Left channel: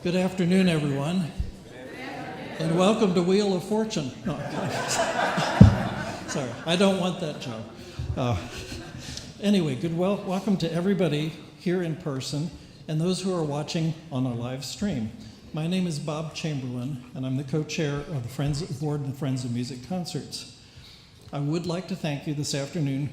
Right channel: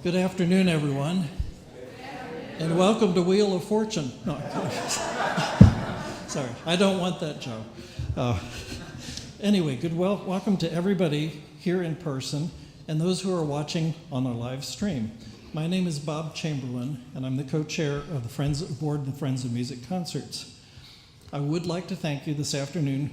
Good afternoon, everyone, and welcome to Wheel of Fortune. No, sorry, I don't want that joke. Anyway, welcome to everybody here in person and those who are watching on our live stream. My name is Bob Chamberlain, and I'm the co-chair of the Board of the Friends of Music Concerts. I would like to thank you this afternoon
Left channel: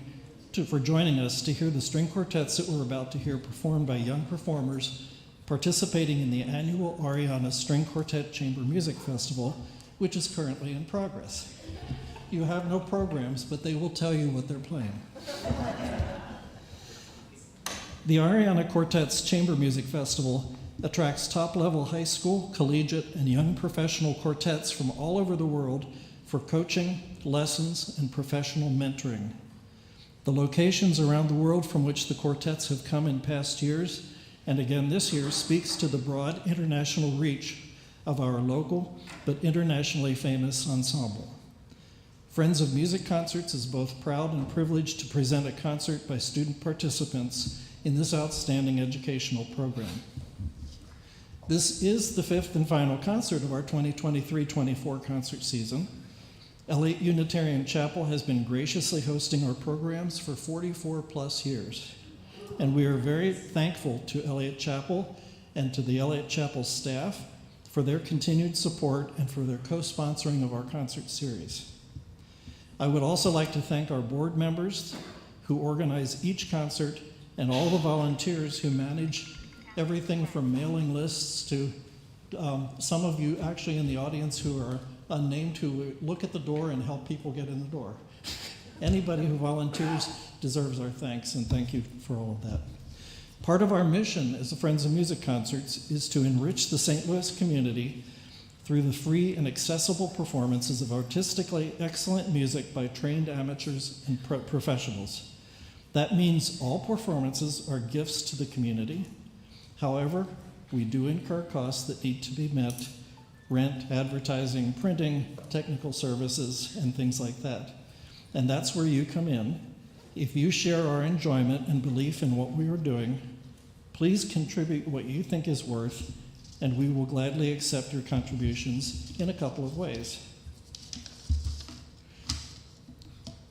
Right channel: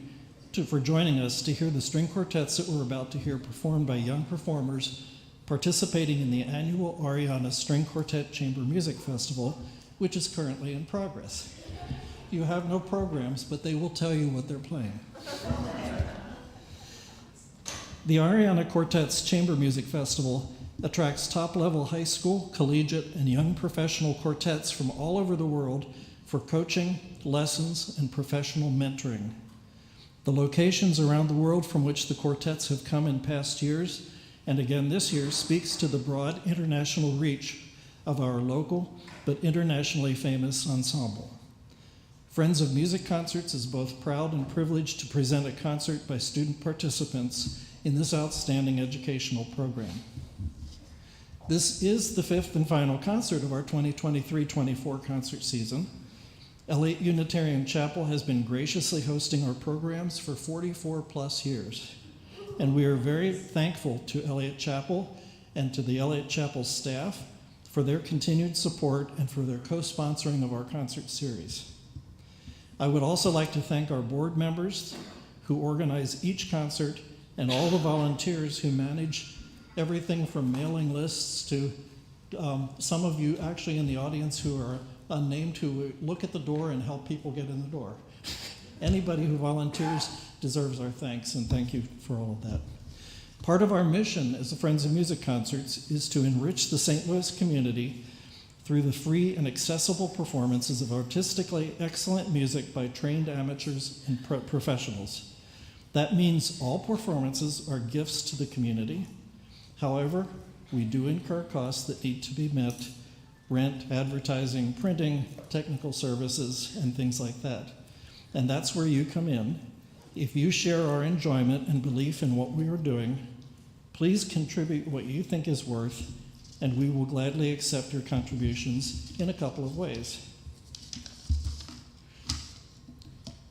for joining us to hear the string quartets that we're about to hear performed by young performers participating in the annual Arianna String Quartet Chamber Music Festival, which is currently in progress. You have no programs, but they will tell you what they're playing. The Arianna Quartet's Chamber Music Festival attracts top-level high school, collegiate, and young professional quartets from all over the world for coaching, lessons, and professional mentoring. The locations around the world from which the quartets have come in past years and again this year speaks to the broad international reach of our local but internationally famous ensemble. Friends of Music Concerts is both proud and privileged to present a concert by student participants in this outstanding educational program. This is the fifth and final concert of our 2023-24 concert season. Eliot Unitarian Chapel has been graciously hosting our programs for 44 plus years. And we are very thankful to Eliot Chapel and to the Eliot Chapel staff for their continued support and for their co-sponsoring of our concert series. I would also like to thank our board members who organize each concert and all the volunteers who manage everything from mailing lists to some of you actually in the audience who are unnamed who look at the door and help people get in the door. Anybody who volunteers deserves our thanks, and thank you for all of that. Part of our mission as the Friends of Music Concerts is to enrich the St. Louis community through the free and accessible performances of artistically excellent music by trained amateurs and professionals. That means all performances are gifts to the community. However, we do incur costs that need to be met: rent, advertising, printing, technical services, and things like that. And that's where you come in. If you share our enjoyment and belief in what we are doing, please contribute what you think is worth, and we will gladly accept your contributions in a couple of ways.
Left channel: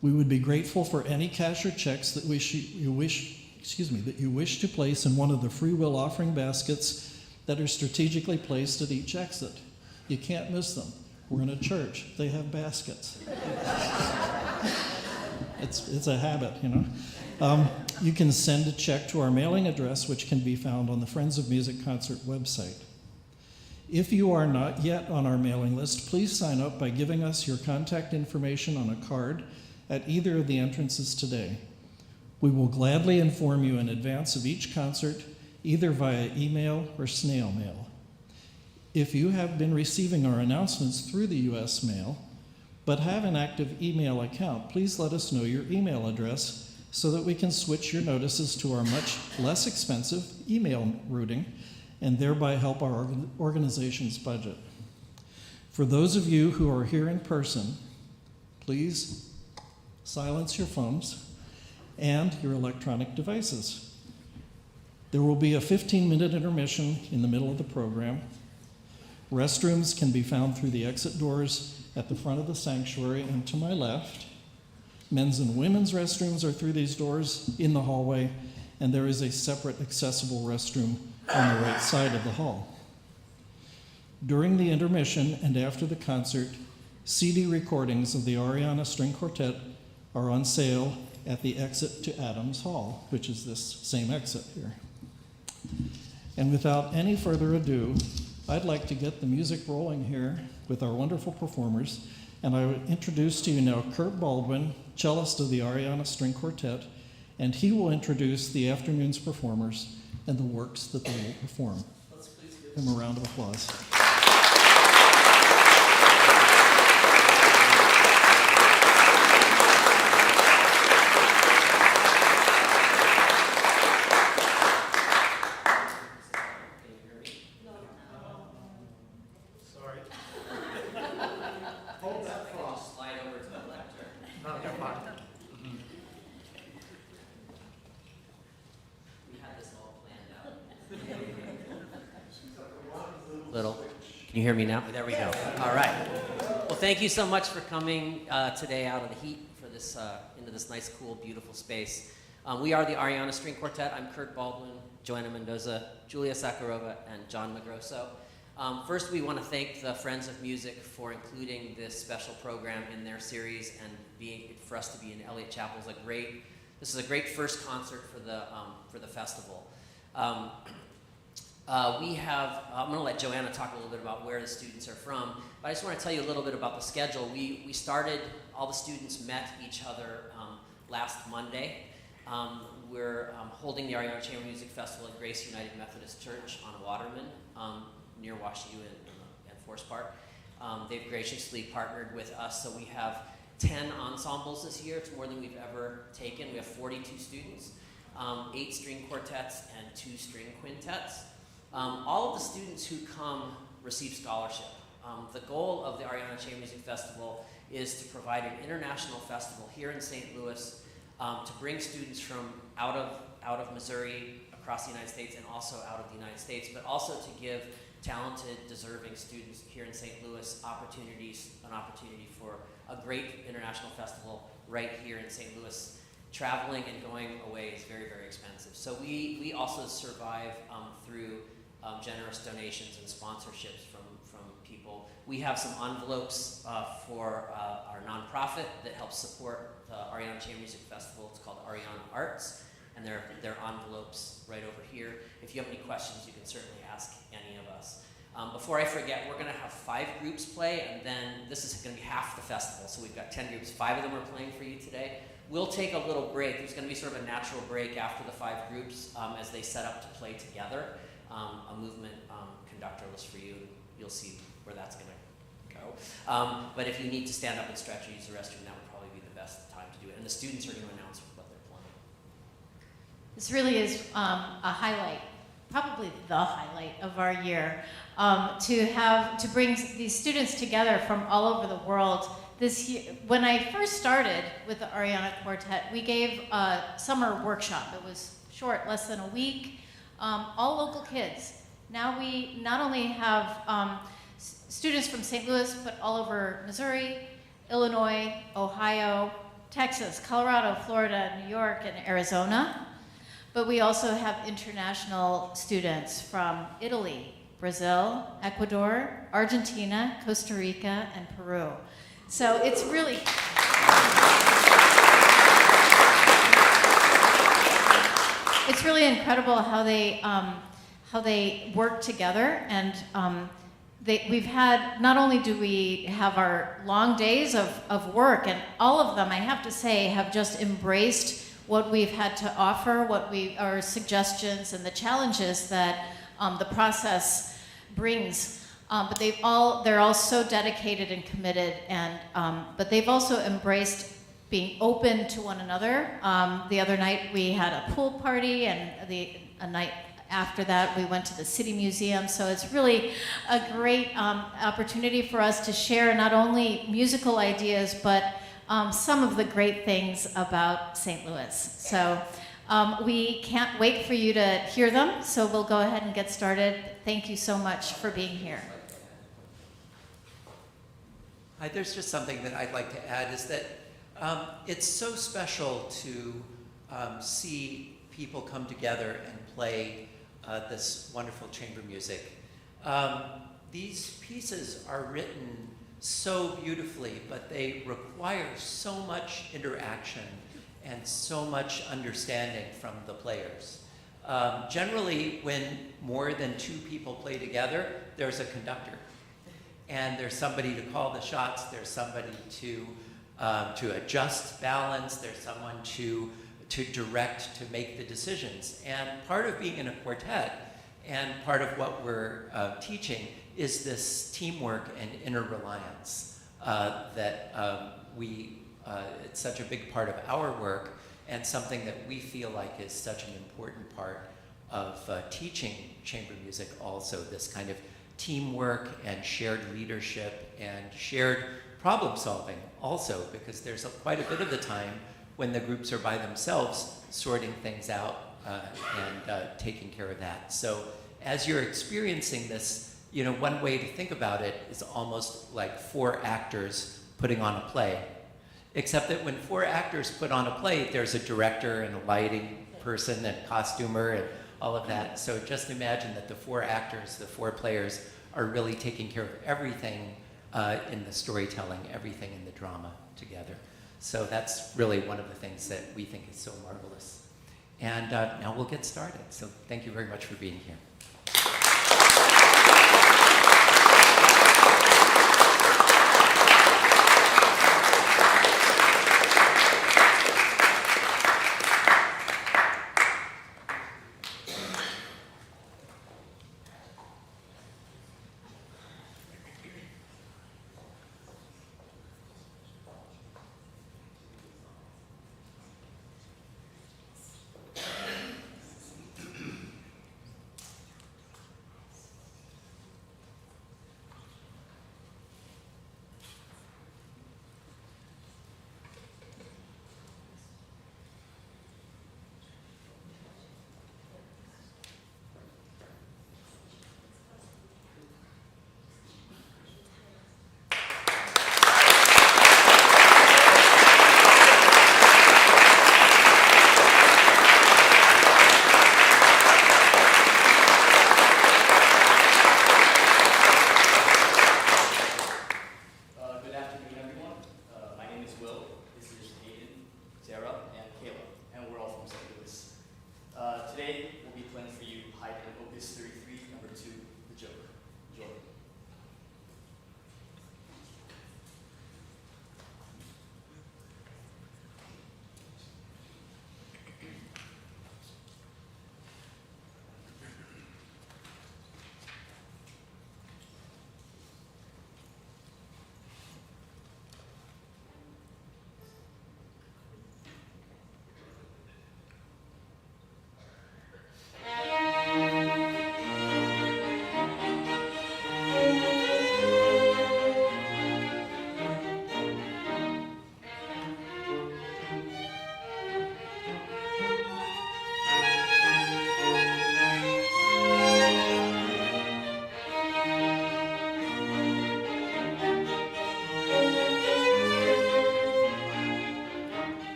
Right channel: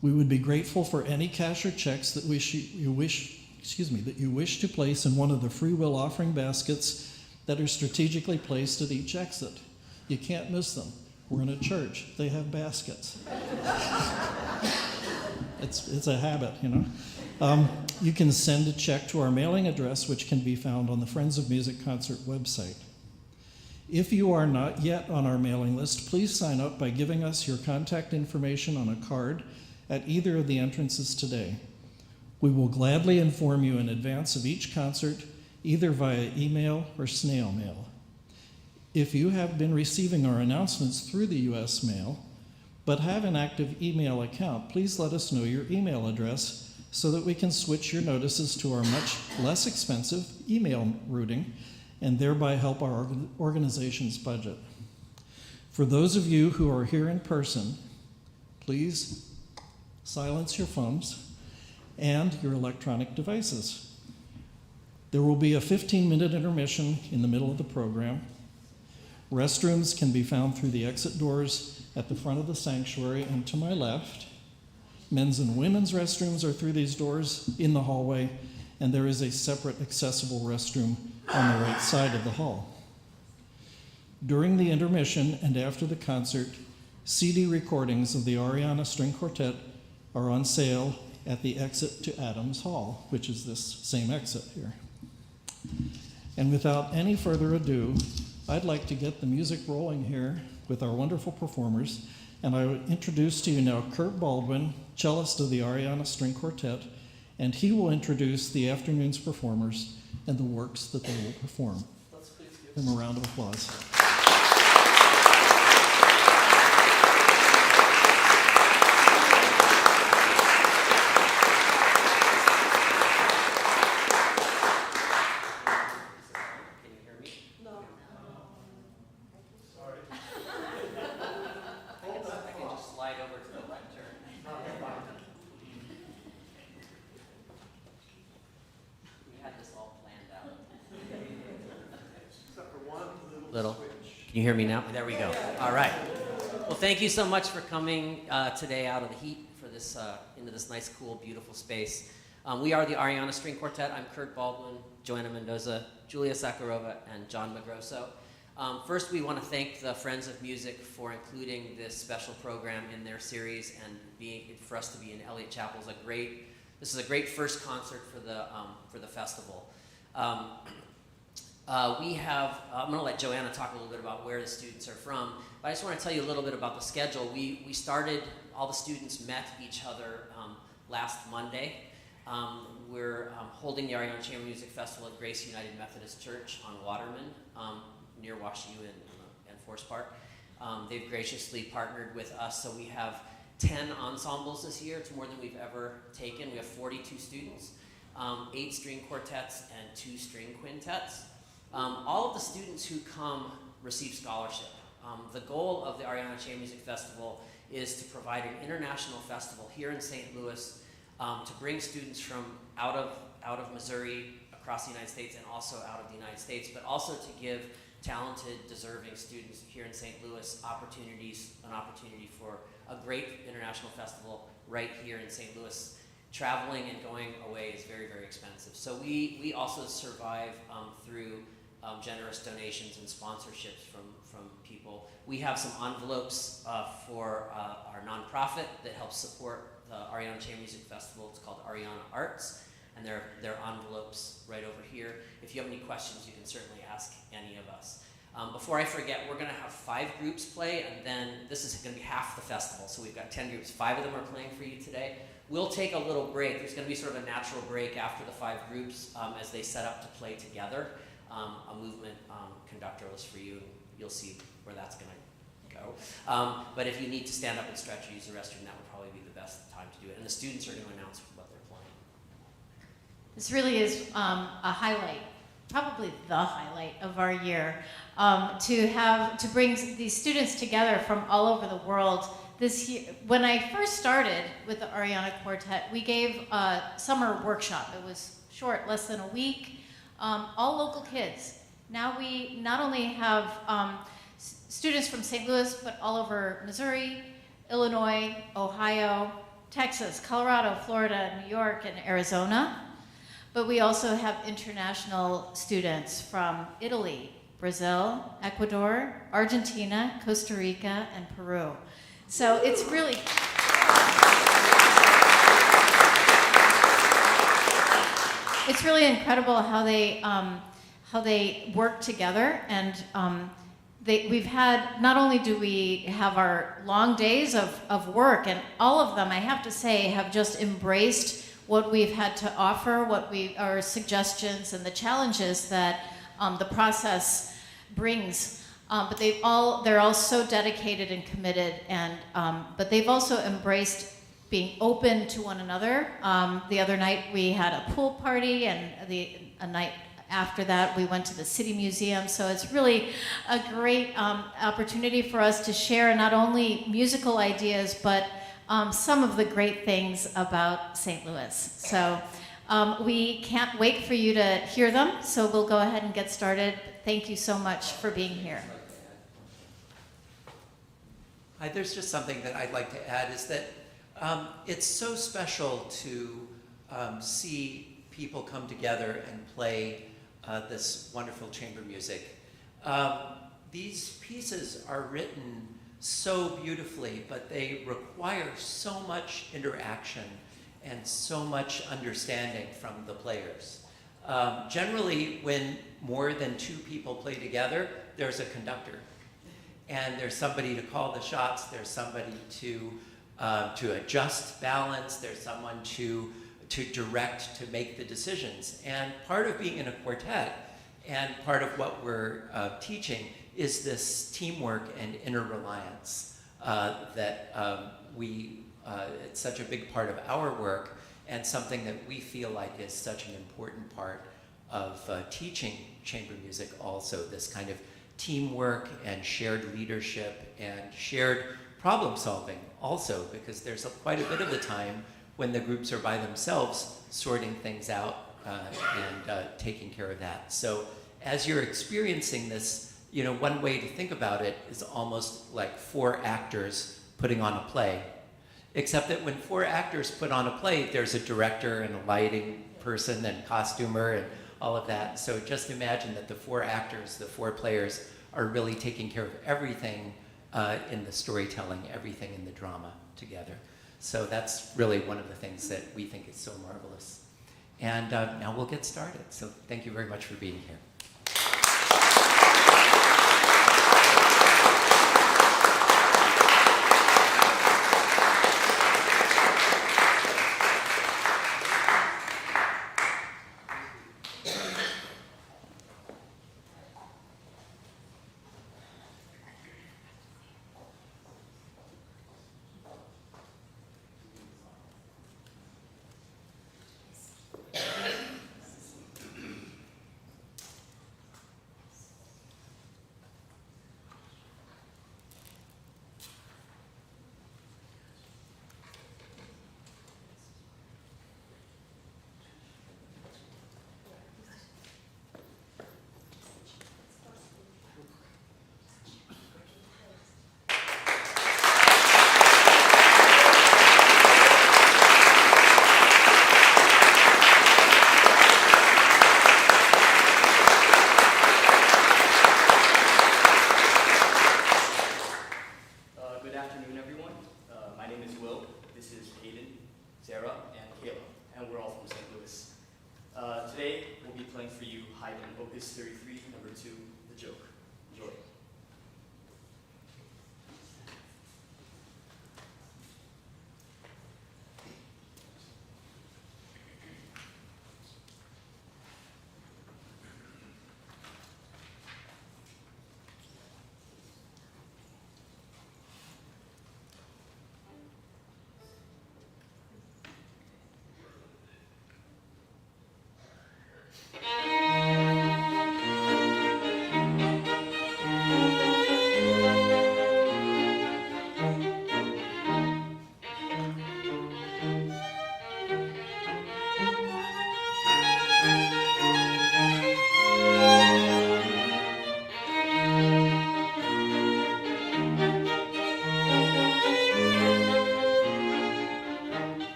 We would be grateful for any cash or checks that you wish to place in one of the free will offering baskets that are strategically placed at each exit. You can't miss them. We're in a church. They have baskets. It's a habit, you know. You can send a check to our mailing address, which can be found on the Friends of Music Concert website. If you are not yet on our mailing list, please sign up by giving us your contact information on a card at either of the entrances today. We will gladly inform you in advance of each concert, either via email or snail mail. If you have been receiving our announcements through the U.S. mail, but have an active email account, please let us know your email address so that we can switch your notices to our much less expensive email routing and thereby help our organization's budget. For those of you who are here in person, please silence your phones and your electronic devices. There will be a 15-minute intermission in the middle of the program. Restrooms can be found through the exit doors at the front of the sanctuary and to my left. Men's and women's restrooms are through these doors in the hallway, and there is a separate accessible restroom on the right side of the hall. During the intermission and after the concert, CD recordings of the Arianna String Quartet are on sale at the exit to Adams Hall, which is this same exit here. And without any further ado, I'd like to get the music rolling here with our wonderful performers, and I would introduce to you now Kurt Baldwin, cellist of the Arianna String Quartet, and he will introduce the afternoon's performers and the works that they will perform. Let's please give him a round of applause. We had this all planned out. Can you hear me now? There we go. All right. Well, thank you so much for coming today out of the heat for this into this nice, cool, beautiful space. We are the Arianna String Quartet. I'm Kurt Baldwin, Joanna Mendoza, Julia Sakharova, and John Magrosso. First, we want to thank the Friends of Music for including this special program in their series, and for us to be in Eliot Chapel this is a great first concert for the festival. I'm going to let Joanna talk a little bit about where the students are from, but I just want to tell you a little bit about the schedule. We started, all the students met each other last Monday. We're holding the Arianna Chamber Music Festival at Grace United Methodist Church on Waterman, near Wash U and Forest Park. They've graciously partnered with us, so we have 10 ensembles this year. It's more than we've ever taken. We have 42 students, 8 string quartets, and 2 string quintets. All of the students who come receive scholarship. The goal of the Arianna Chamber Music Festival is to provide an international festival here in St. Louis to bring students from out of Missouri, across the United States, and also out of the United States, but also to give talented, deserving students here in St. Louis an opportunity for a great international festival right here in St. Louis. Traveling and going away is very, very expensive. So we also survive through generous donations and sponsorships from people. We have some envelopes for our nonprofit that helps support the Arianna Chamber Music Festival. It's called Arianna Arts, and there are envelopes right over here. If you have any questions, you can certainly ask any of us. Before I forget, we're going to have 5 groups play, and then this is going to be half the festival. So we've got 10 groups. 5 of them are playing for you today. We'll take a little break. There's going to be sort of a natural break after the 5 groups as they set up to play together. A movement conductor list for you, and you'll see where that's going to go. But if you need to stand up and stretch or use the restroom, that would probably be the best time to do it. And the students are going to announce what they're playing. This really is a highlight, probably the highlight of our year, to bring these students together from all over the world. This year, when I first started with the Arianna Quartet, we gave a summer workshop. It was short, less than a week. All local kids. Now we not only have students from St. Louis, but all over Missouri, Illinois, Ohio, Texas, Colorado, Florida, New York, and Arizona. But we also have international students from Italy, Brazil, Ecuador, Argentina, Costa Rica, and Peru. So it's really... It's really incredible how they work together, and we've had, not only do we have our long days of work, and all of them, I have to say, have just embraced what we've had to offer, our suggestions and the challenges that the process brings. But they're all so dedicated and committed, and but they've also embraced being open to one another. The other night we had a pool party, and a night after that we went to the City Museum. So it's really a great opportunity for us to share not only musical ideas, but some of the great things about St. Louis. So we can't wait for you to hear them, so we'll go ahead and get started. Thank you so much for being here. Hi, there's just something that I'd like to add, is that it's so special to see people come together and play this wonderful chamber music. These pieces are written so beautifully, but they require so much interaction and so much understanding from the players. Generally, when more than 2 people play together, there's a conductor. And there's somebody to call the shots, there's somebody to adjust balance, there's someone to direct, to make the decisions. And part of being in a quartet, and part of what we're teaching, is this teamwork and inner reliance that it's such a big part of our work, and something that we feel like is such an important part of teaching chamber music also, this kind of teamwork and shared leadership and shared problem solving also, because there's quite a bit of the time when the groups are by themselves sorting things out and taking care of that. So as you're experiencing this you know, one way to think about it is almost like 4 actors putting on a play. Except that when 4 actors put on a play, there's a director and a lighting person and costumer and all of that. So just imagine that the 4 actors, the 4 players, are really taking care of everything in the storytelling, everything in the drama together. So that's really one of the things that we think is so marvelous. And now we'll get started. So thank you very much for being here.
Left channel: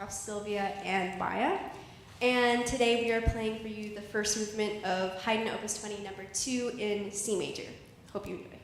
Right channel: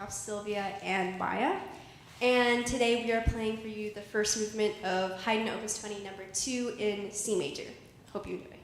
of Sylvia and Maya. And today we are playing for you the first movement of Haydn Opus 20 number 2 in C major. Hope you enjoy.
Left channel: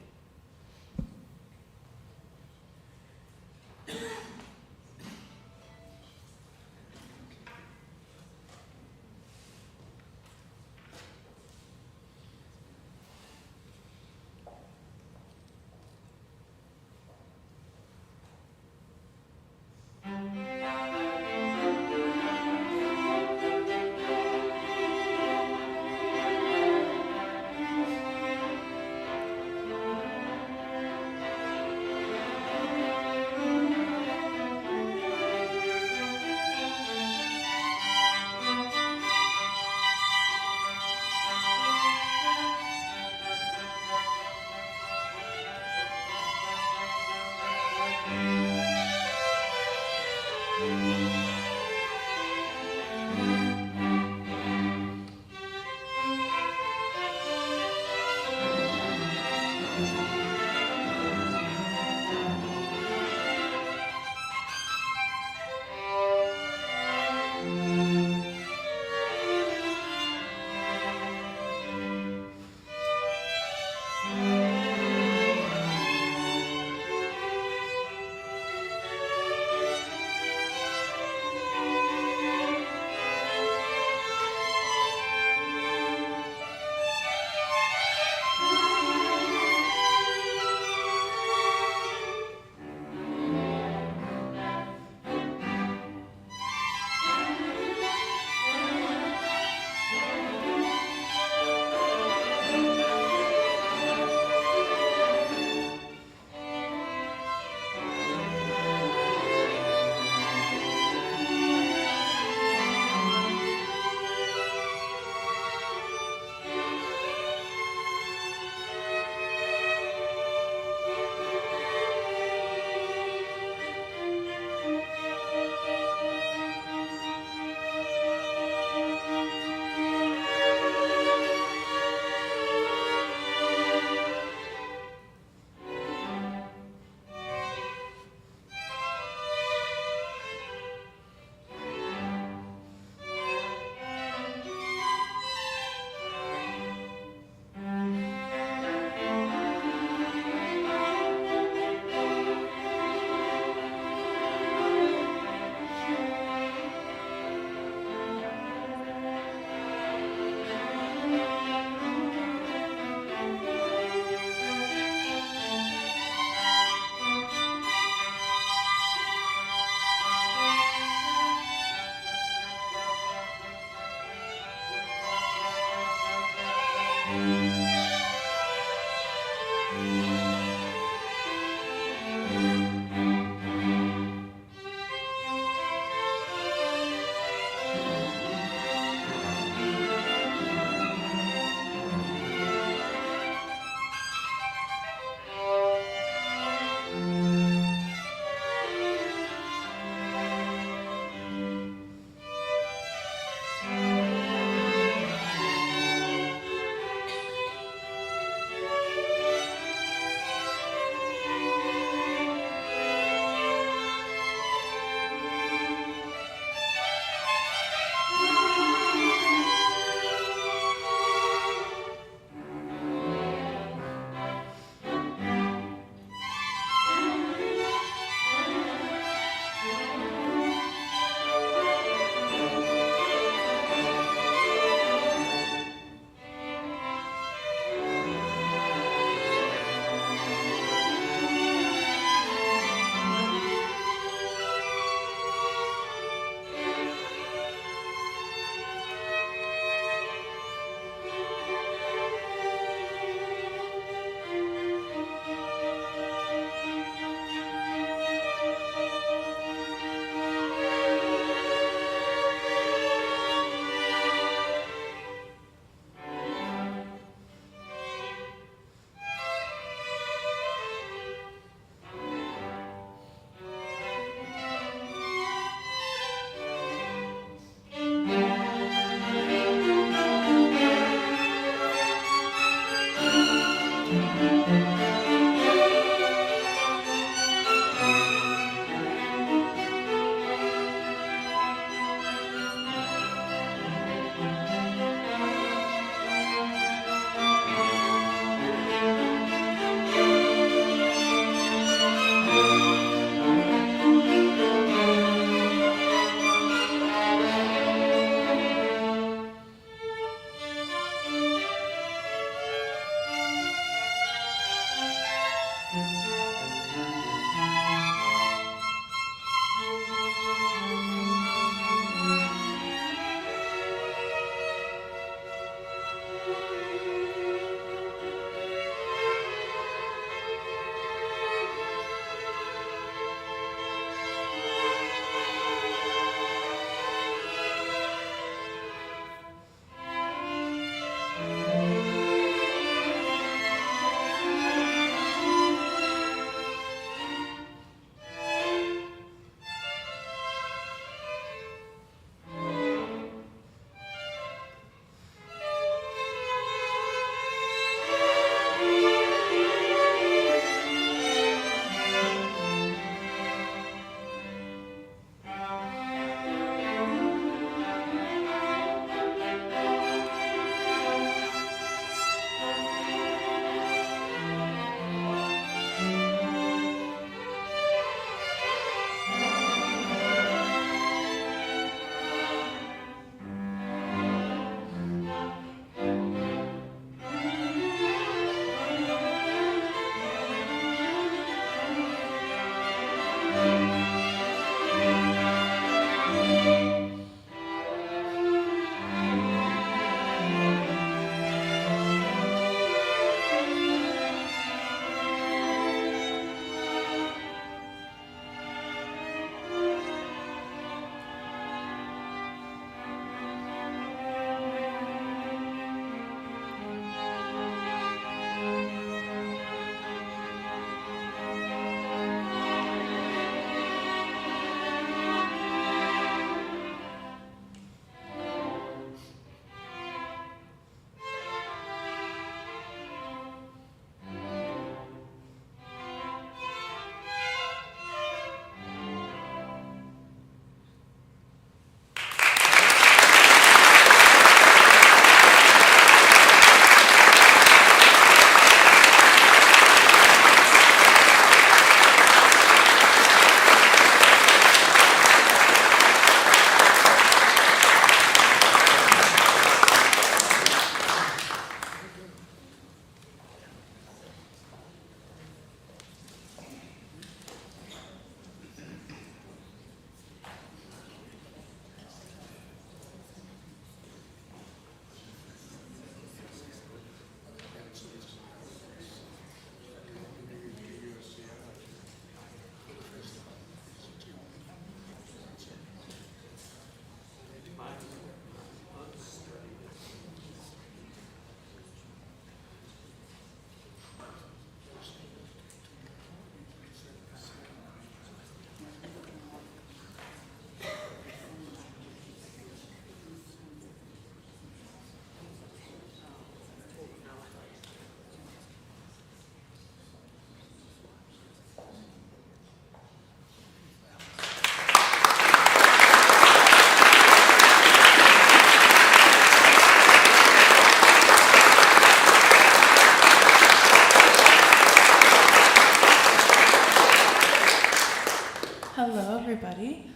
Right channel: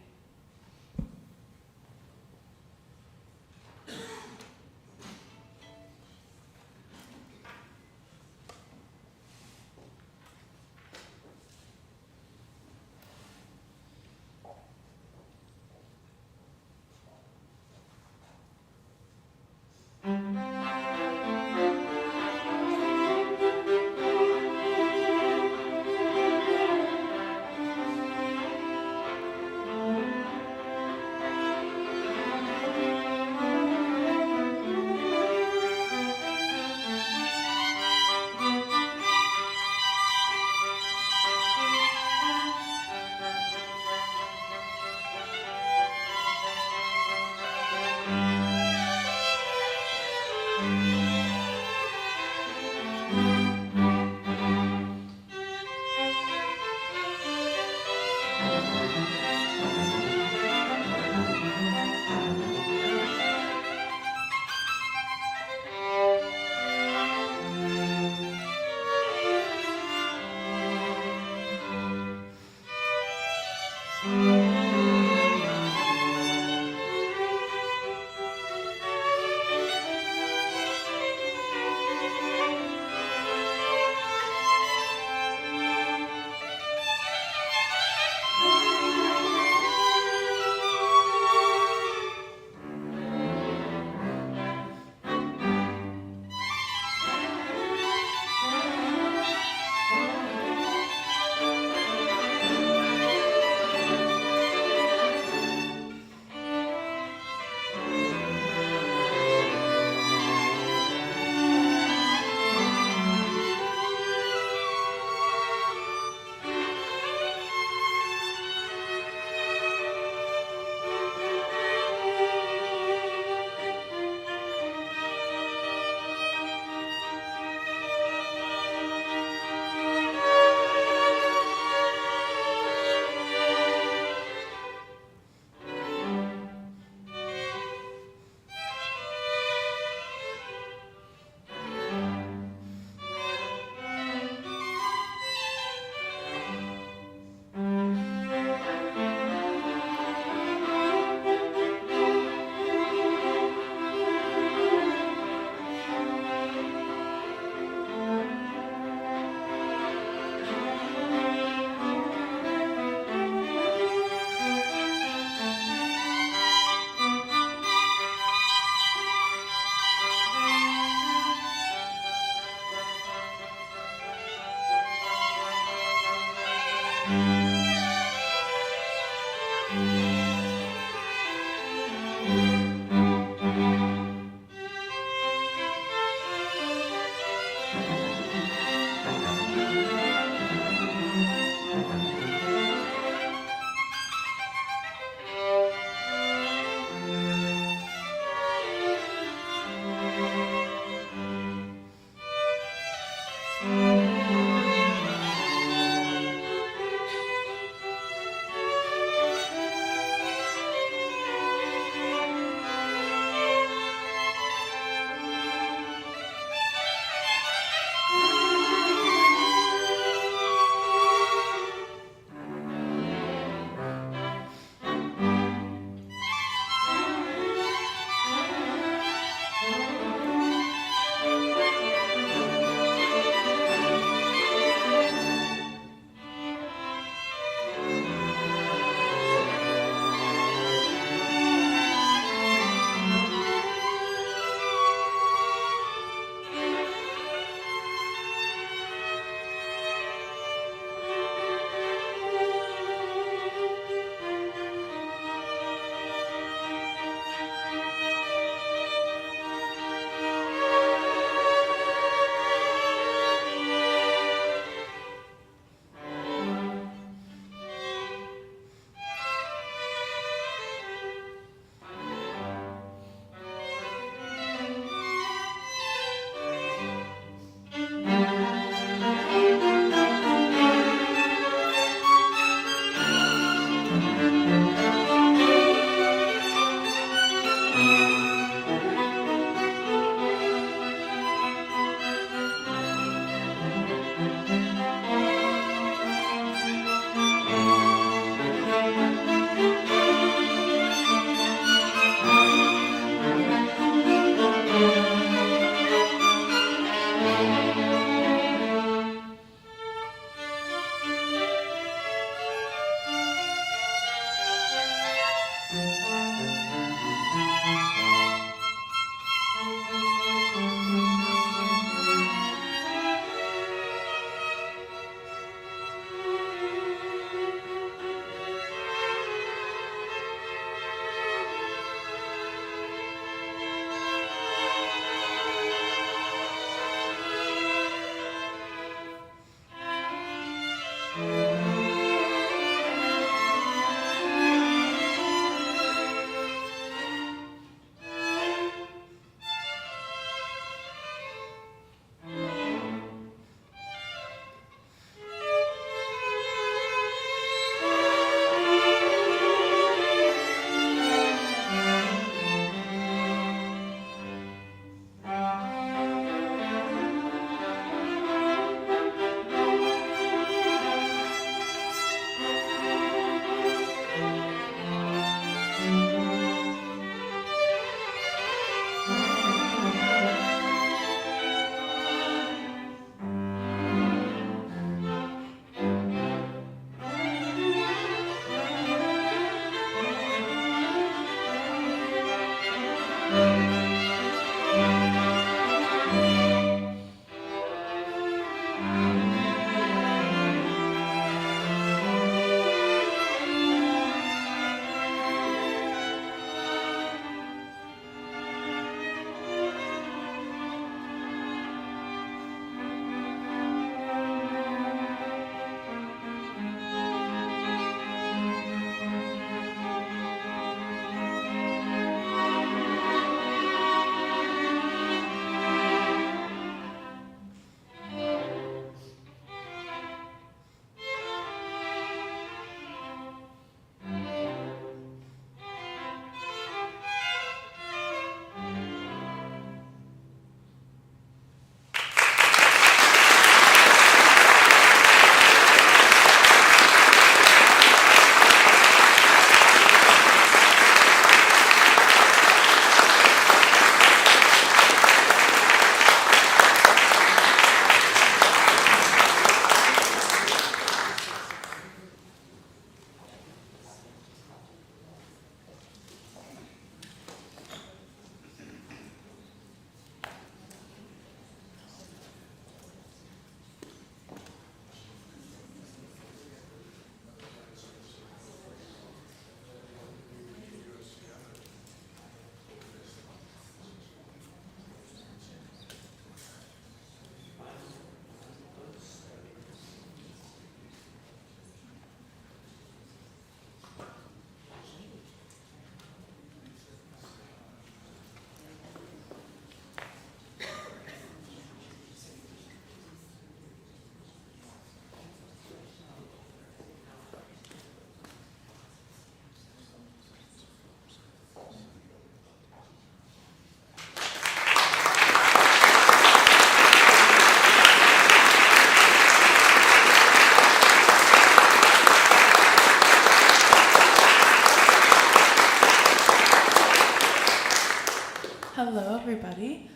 Hello, everybody.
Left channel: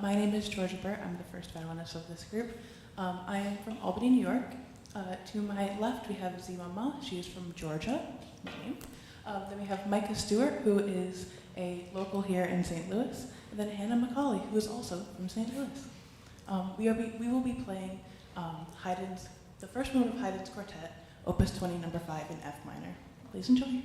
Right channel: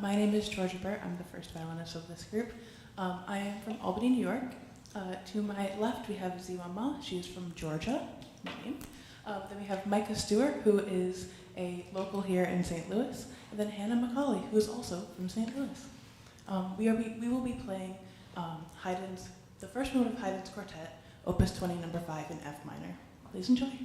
My name is Georgia Burt. I'm the first violinist of this group. I am from Albany, New York. To my left, we have Ziwama. She is from Georgia. My name. Then we have Micah Stewart, who is a local here in St. Louis, and then Hannah McCauley, who is also from St. Louis. We will be playing the first movement of Haydn's Quartet, Opus 20, number 5 in F minor. Please enjoy.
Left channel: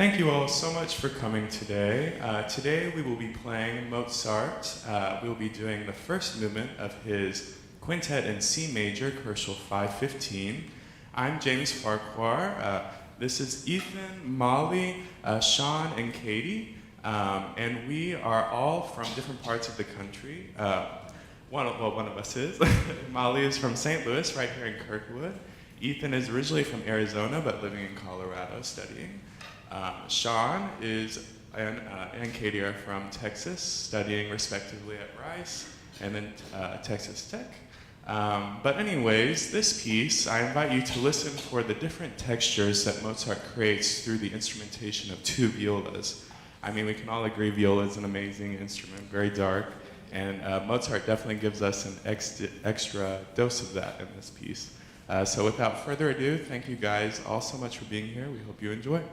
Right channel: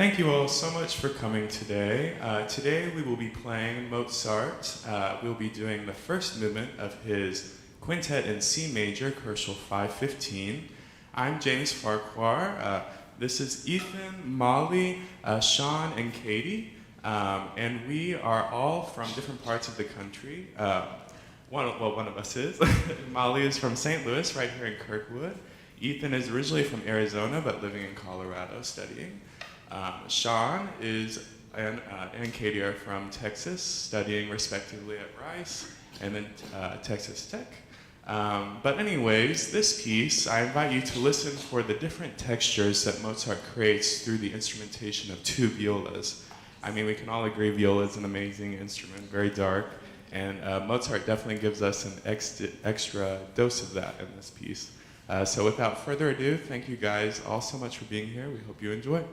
Thank you all so much for coming today. Today we will be playing Mozart. We will be doing the first movement of his Quintet in C major, Commercial 515. I'm James Farquhar. This is Ethan, Molly, Sean, and Katie. And we are all from different parts of the country. One of us is. Molly is from St. Louis, right here in Kirkwood. Ethan is originally from Arizona, but living in Colorado studying. Sean and Katie are from Texas, studying respectively at Rice and then Texas Tech. But anyways, this piece, I invite you to listen for the different textures that Mozart creates through the instrumentation of two violas. I mean, we can all agree viola is an amazing instrument, very dark, and Mozart definitely gives us an extra dose of that in this piece. So without further ado, thank you guys all so much for being here. We hope you enjoy.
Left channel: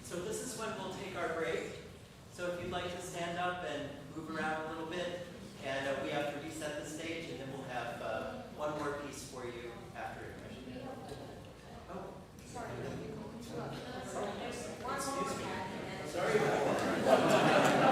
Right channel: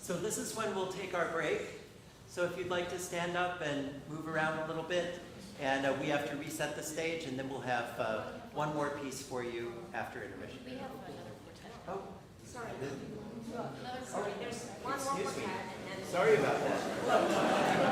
So this is when we'll take our break. So if you'd like to stand up and move around a little bit, and we have to reset the stage, and then we'll have one more piece for you after intermission. Oh, sorry. Excuse me. Sorry about that.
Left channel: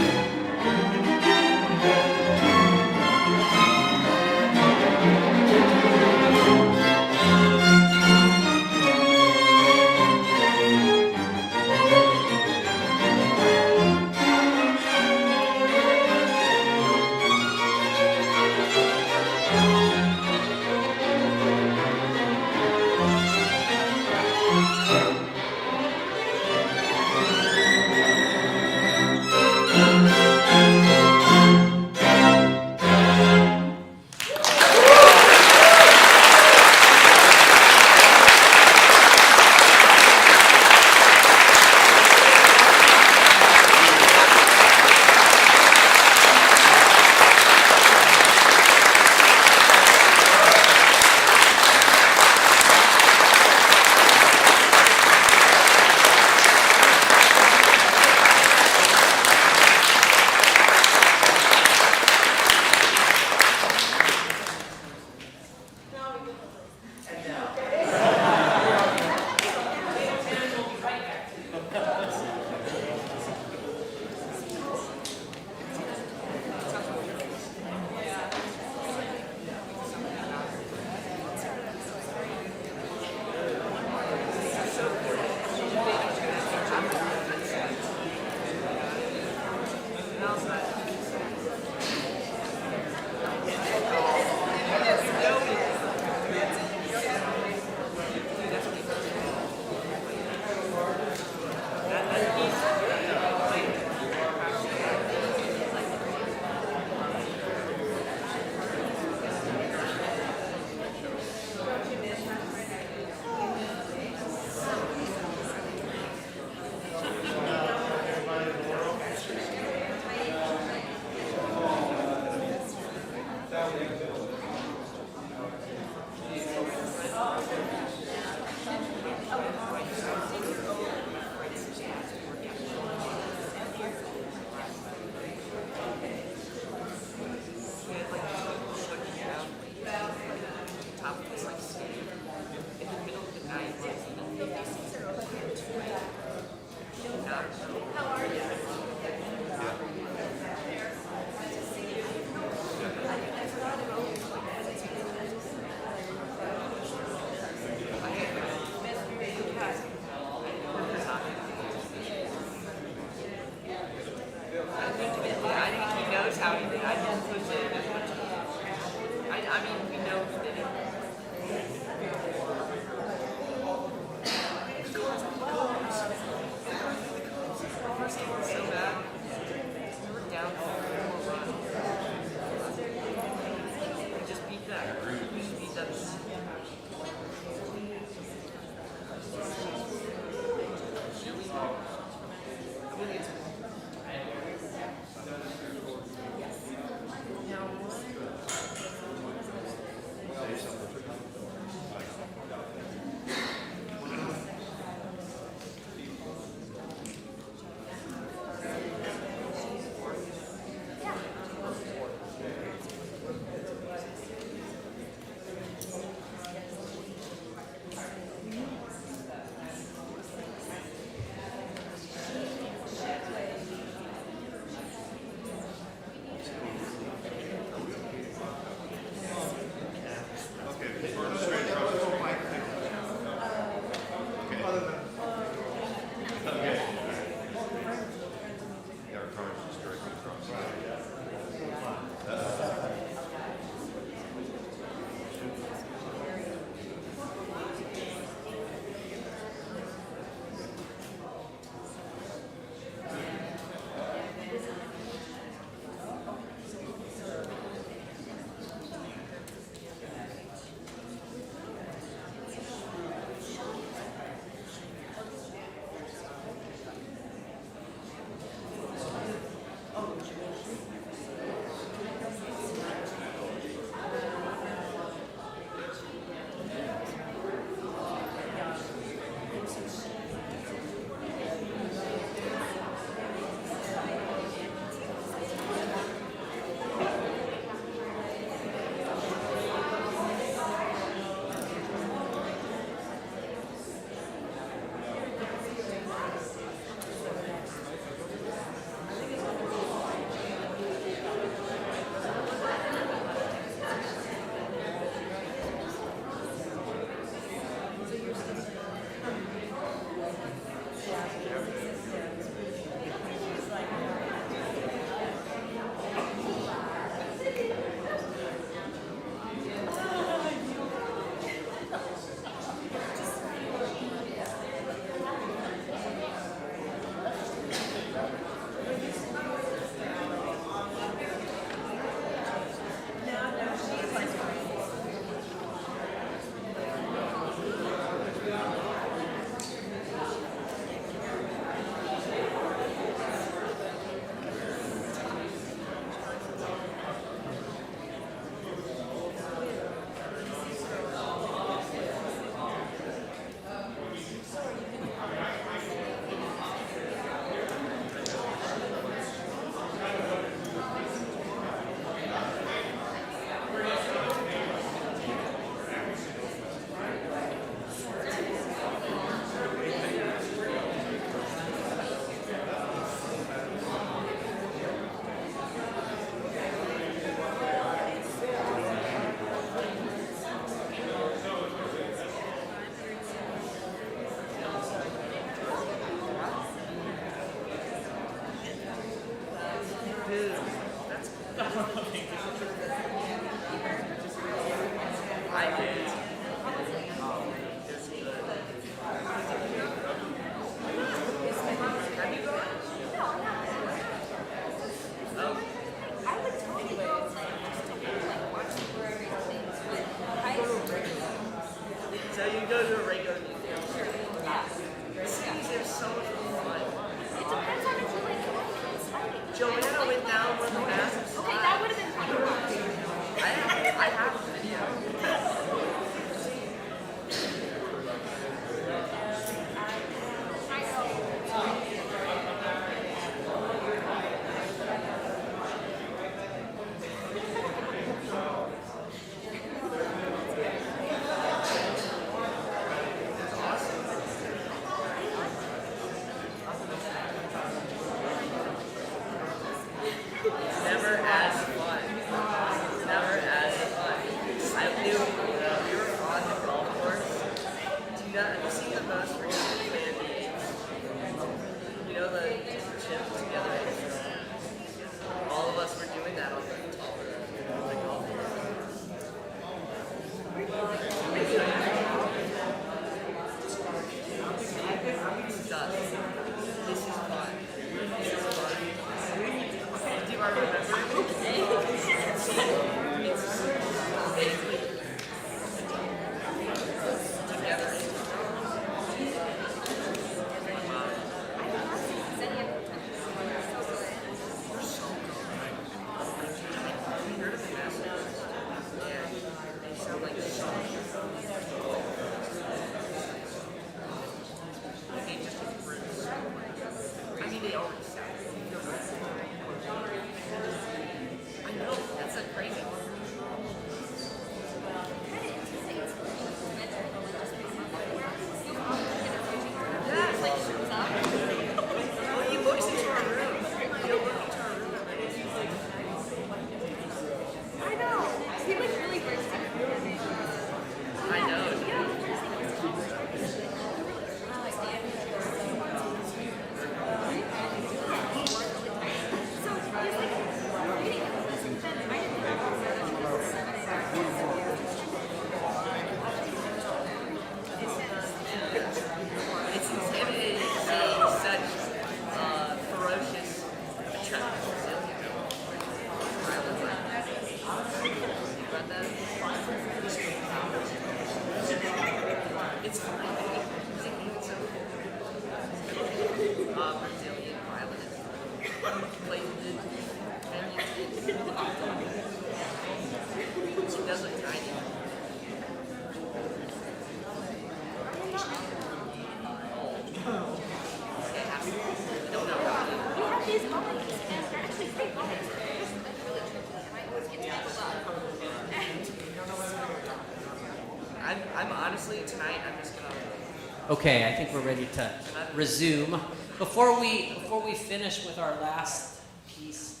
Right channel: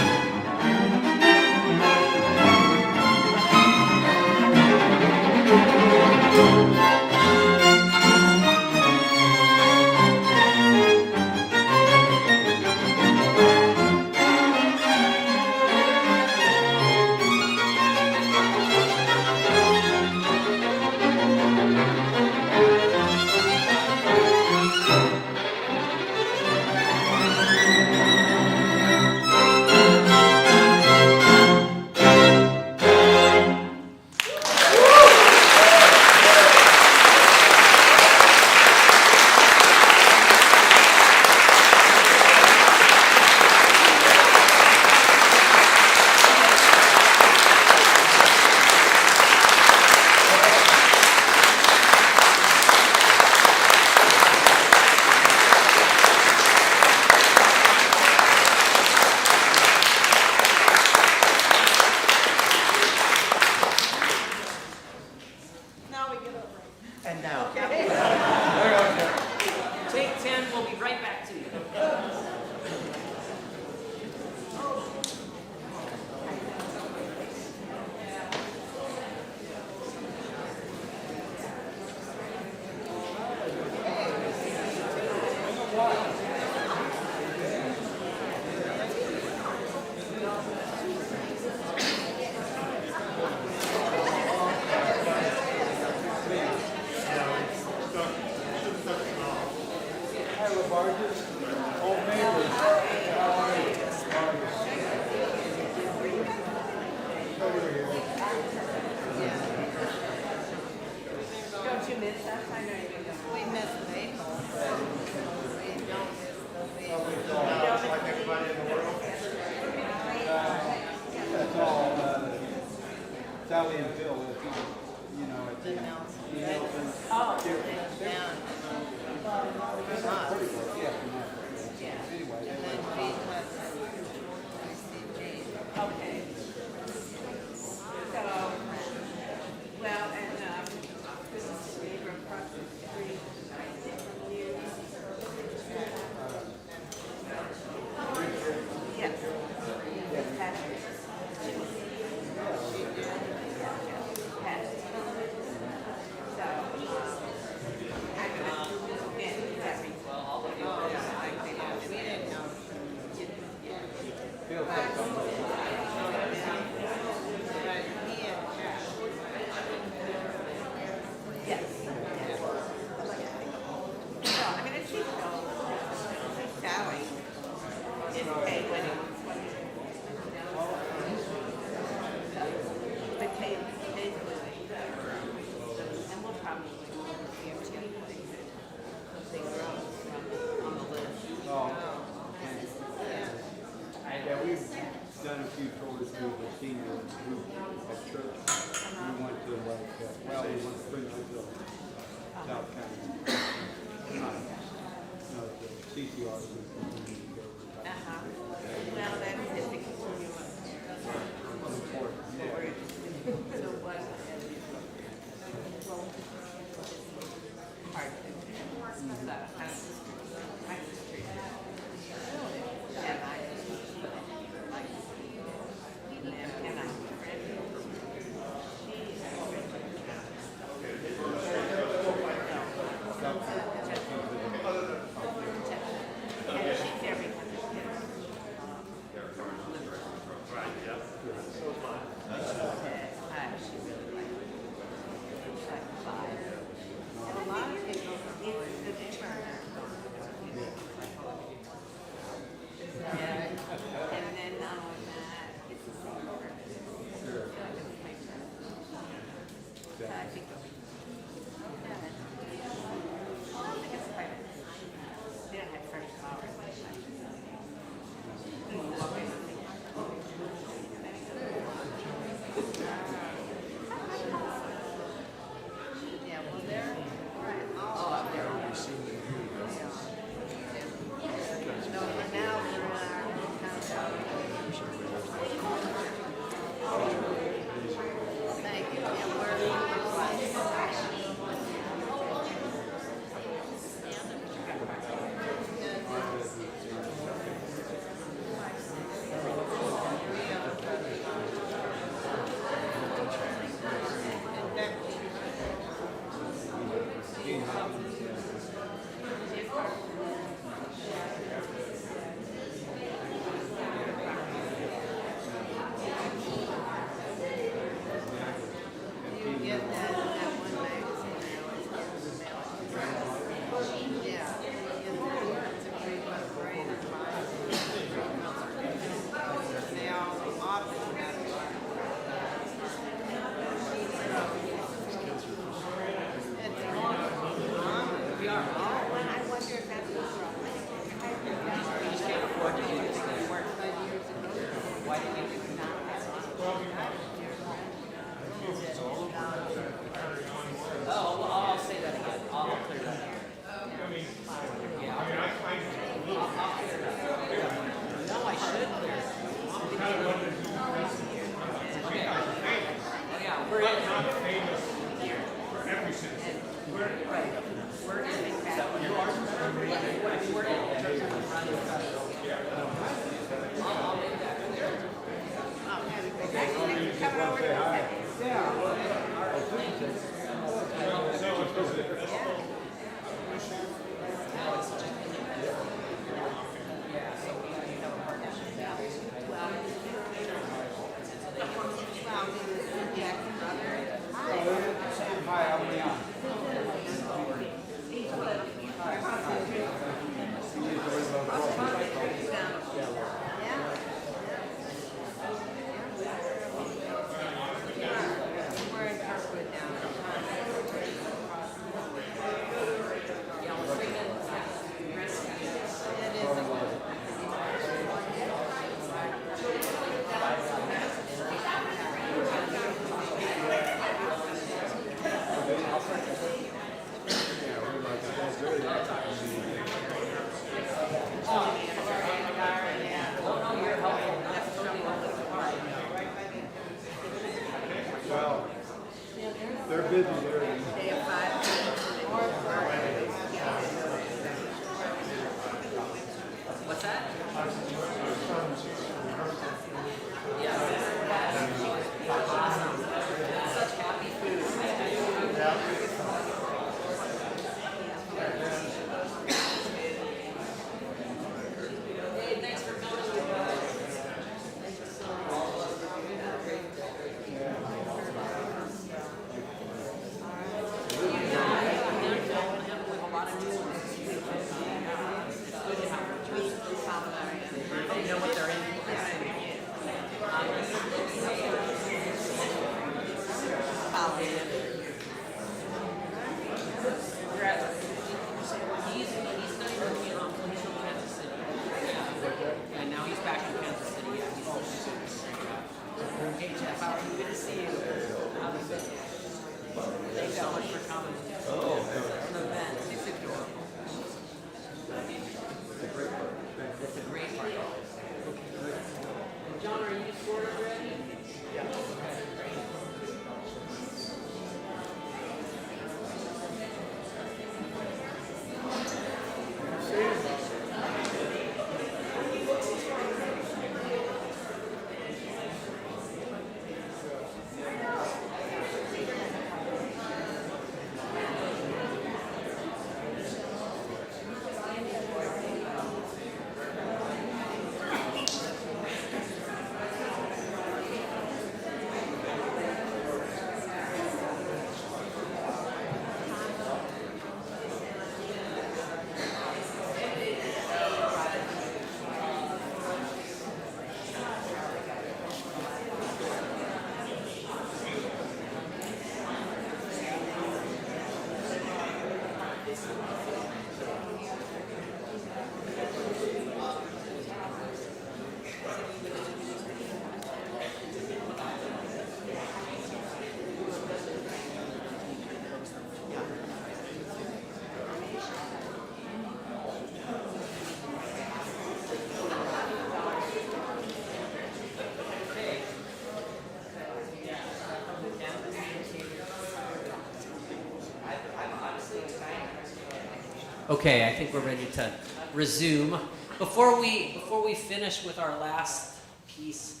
Okay, I think we're ready to resume. Before we finish with our last piece,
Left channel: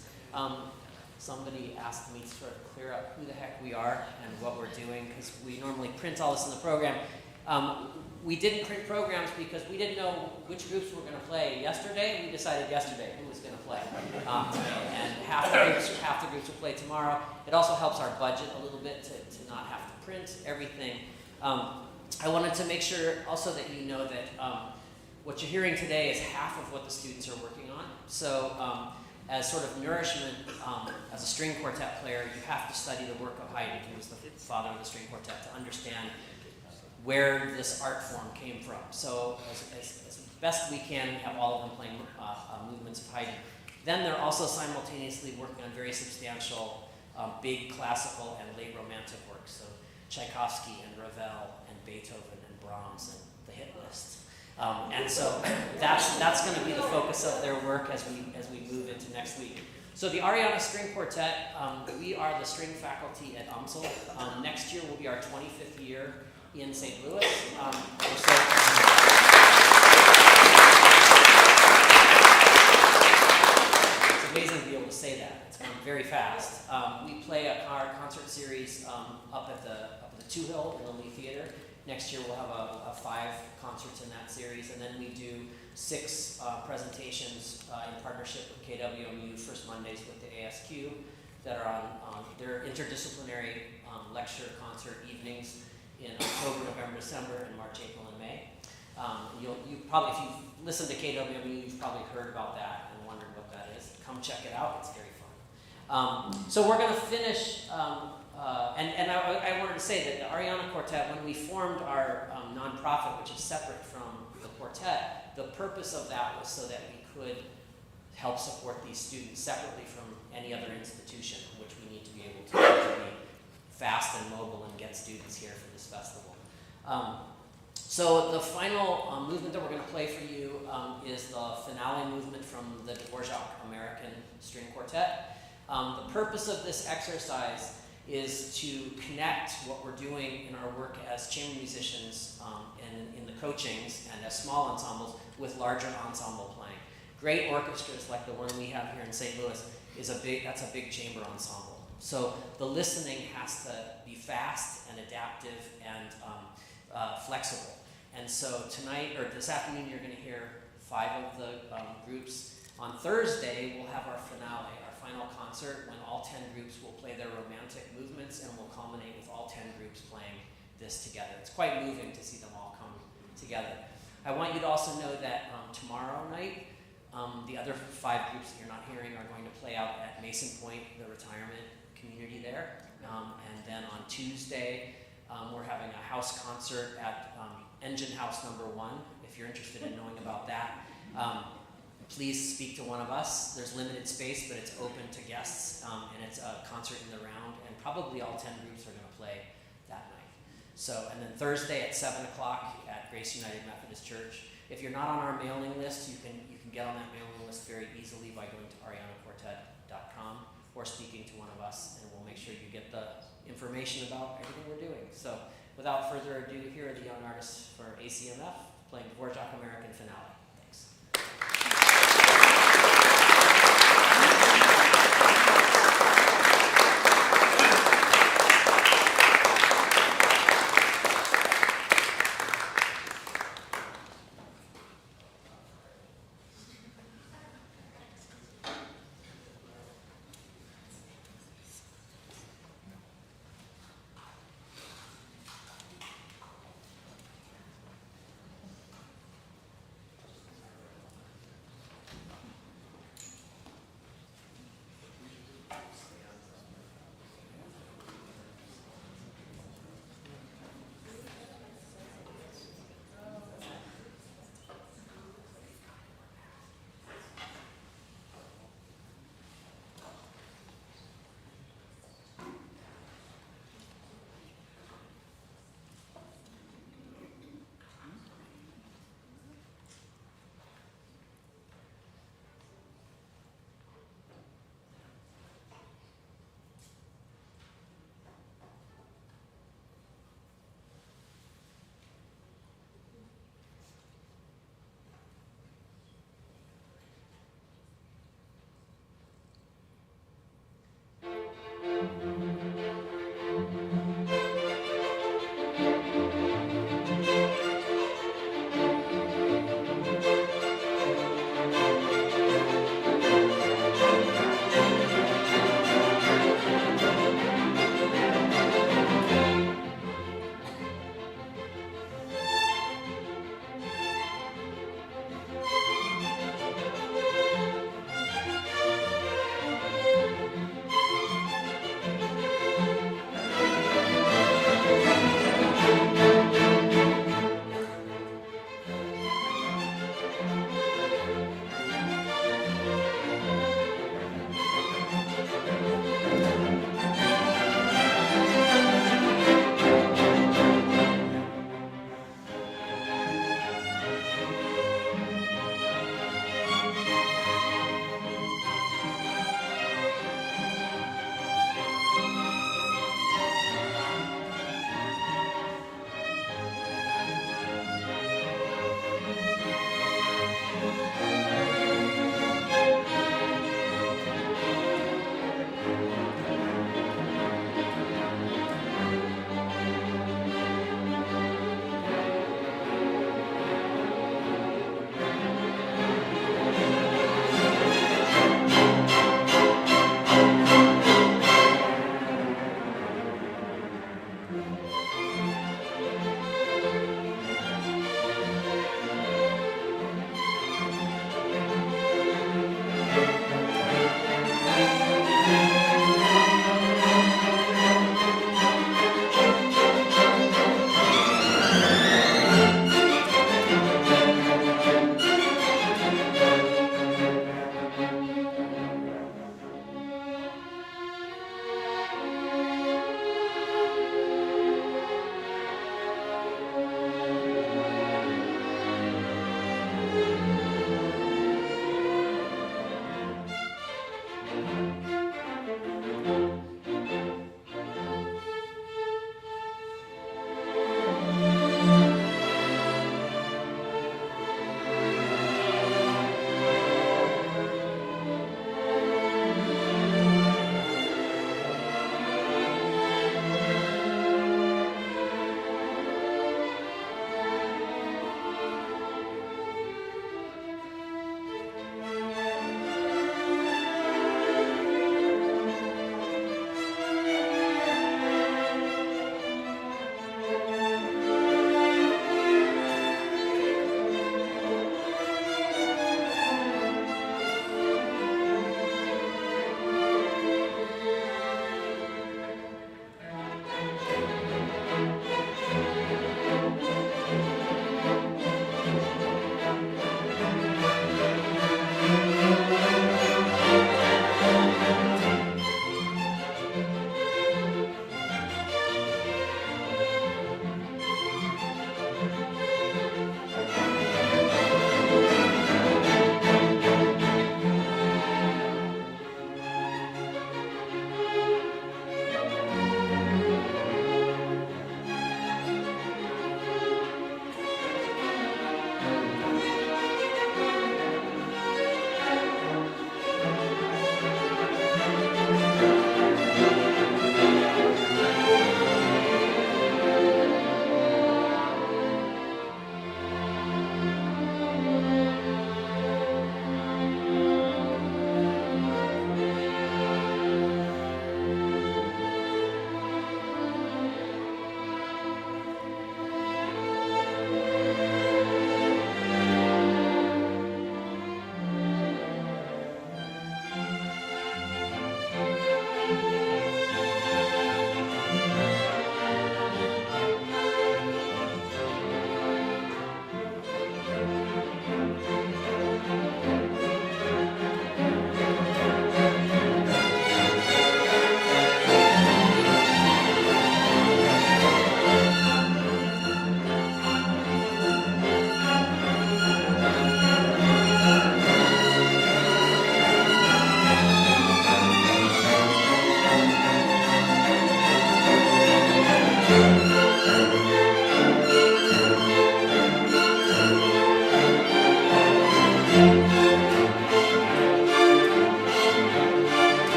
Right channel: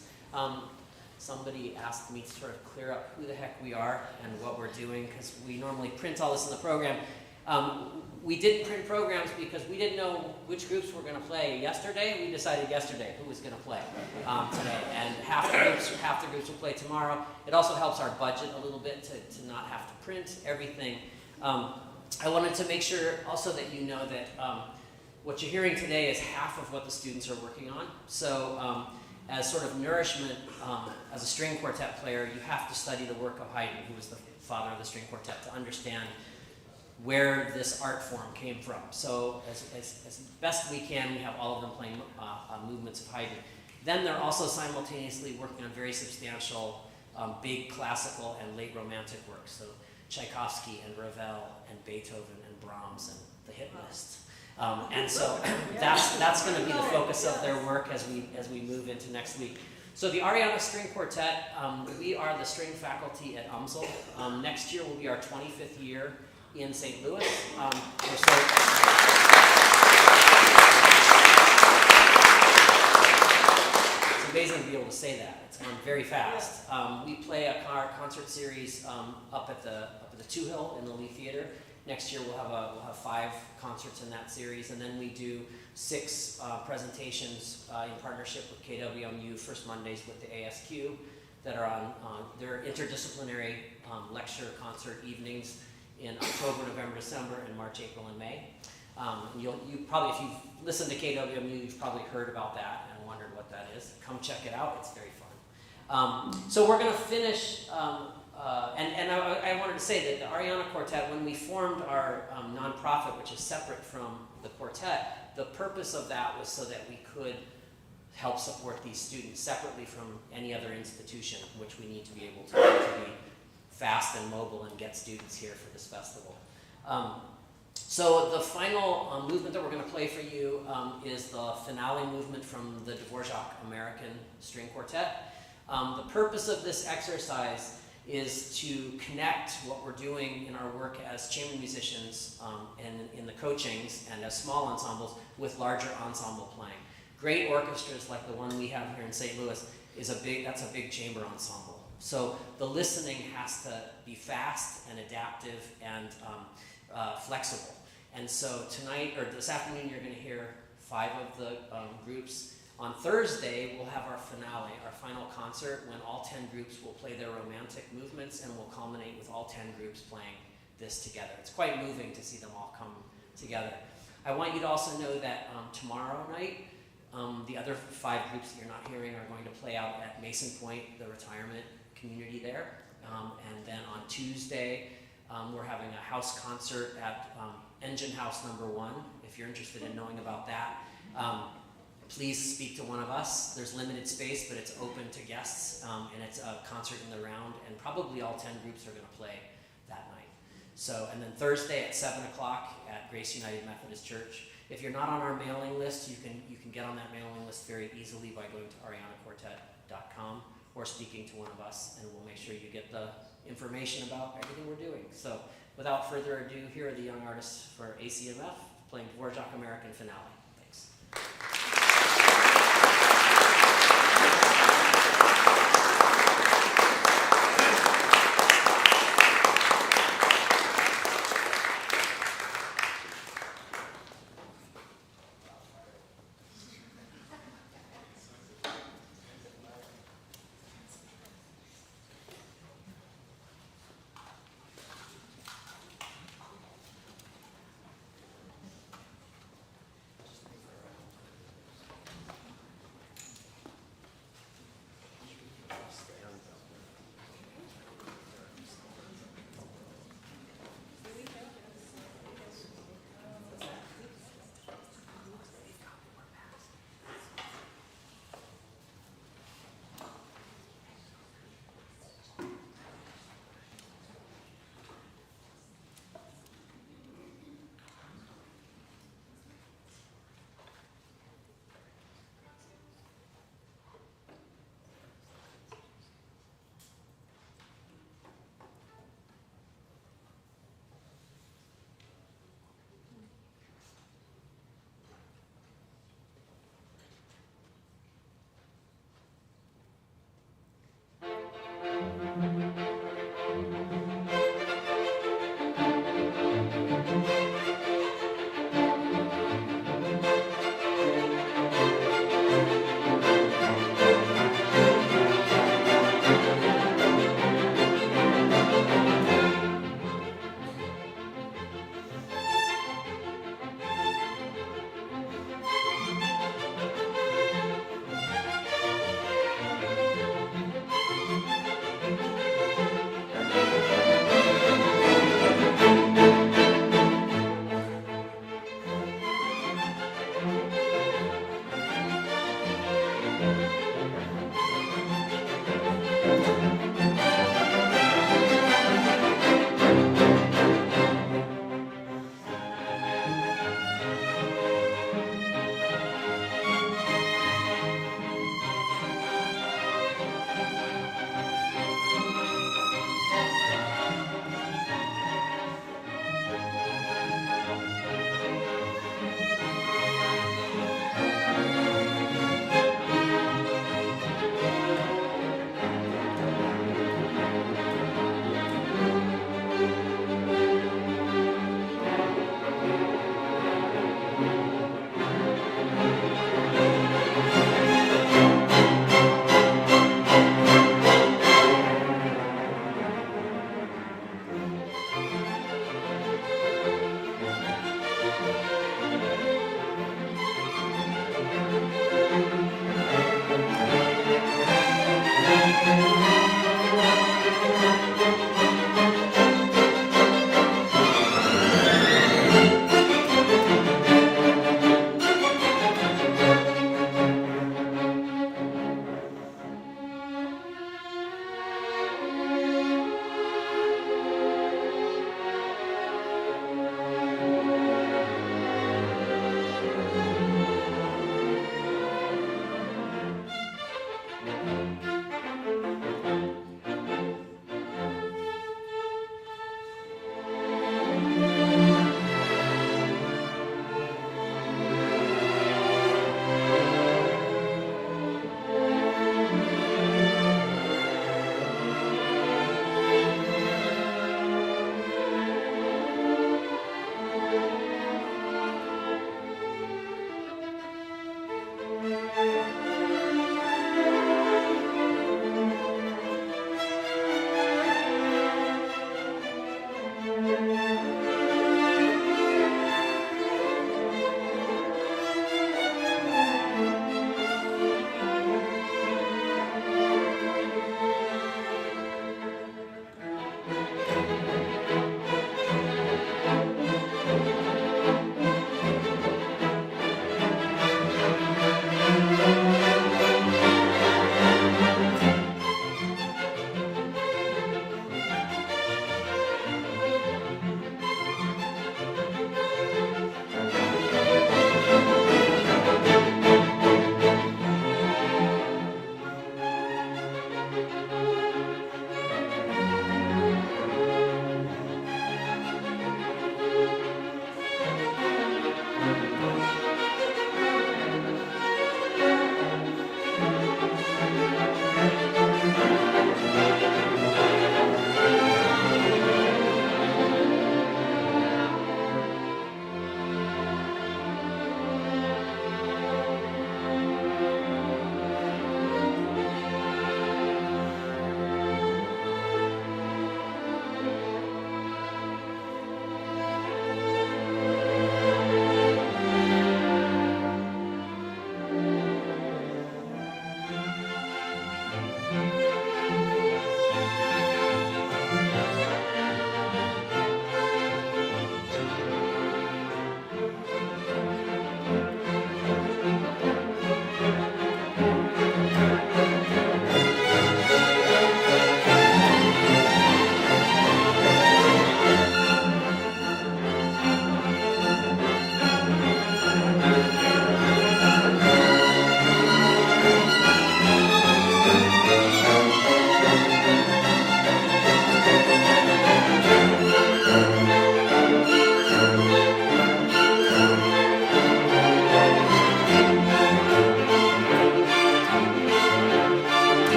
somebody asked me to sort of clear up who the heck we are and what we're doing, because we normally print all this in the program. We didn't print programs because we didn't know which groups were going to play yesterday. We decided yesterday who was going to play today, and half the groups will play tomorrow. It also helps our budget a little bit to not have to print everything. I wanted to make sure also that you know that what you're hearing today is half of what the students are working on. So as sort of nourishment, as a string quartet player, you have to study the work of Haydn, who was the father of the string quartet, to understand where this art form came from. So as best we can, we have all of them playing movements of Haydn. Then they're also simultaneously working on very substantial, big classical and late romantic works. So Tchaikovsky and Ravel and Beethoven and Brahms and the hit list. And so that's going to be the focus of their work as we move into next week. So the Arianna String Quartet, we are the string faculty at UMSL. Next year will be our 25th year in St. Louis. It's amazing to be able to say that. It's gone very fast. We play a concert series up at the Two Hill in the Lee Theater. Next year we'll have 5 concerts in that series, and then we do 6 presentations in partnership with KWMU, First Mondays with the ASQ, that are on their interdisciplinary lecture concert evenings in October, November, December, and March, April, and May. You probably, if you've listened to KWMU, you've probably heard about that and wondered what that is. Come check it out; it's very fun. So we're going to finish. I wanted to say that the Arianna Quartet, when we formed our nonprofit, which is separate from the quartet, the purpose of that was so that we could help support these students separately from any other institution, which we need to be able to be fast and mobile and get students here for this festival. So the final movement that we're going to play for you is the finale movement from the Dvorak American String Quartet. The purpose of this exercise is to connect what we're doing in our work as chamber musicians and in the coachings and as small ensembles with larger ensemble playing. Great orchestras like the one we have here in St. Louis that's a big chamber ensemble. So the listening has to be fast and adaptive and flexible. And so tonight, or this afternoon, you're going to hear 5 of the groups. On Thursday, we'll have our finale, our final concert, when all 10 groups will play their romantic movements and will culminate with all 10 groups playing this together. It's quite moving to see them all come together. I want you to also know that tomorrow night, the other 5 groups that you're not hearing are going to play out at Mason Point, the retirement community there. And then on Tuesday, we're having a house concert at Engine House number 1. If you're interested in knowing about that, please speak to one of us. There's limited space, but it's open to guests, and it's a concert in the round, and probably all 10 groups are going to play that night. So, and then Thursday at 7 o'clock at Grace United Methodist Church. If you're not on our mailing list, you can get on that mailing list very easily by going to ariannaquartet.com or speaking to one of us, and we'll make sure you get the information about everything we're doing. So, without further ado, here are the young artists for ACMF playing Dvorak American Finale.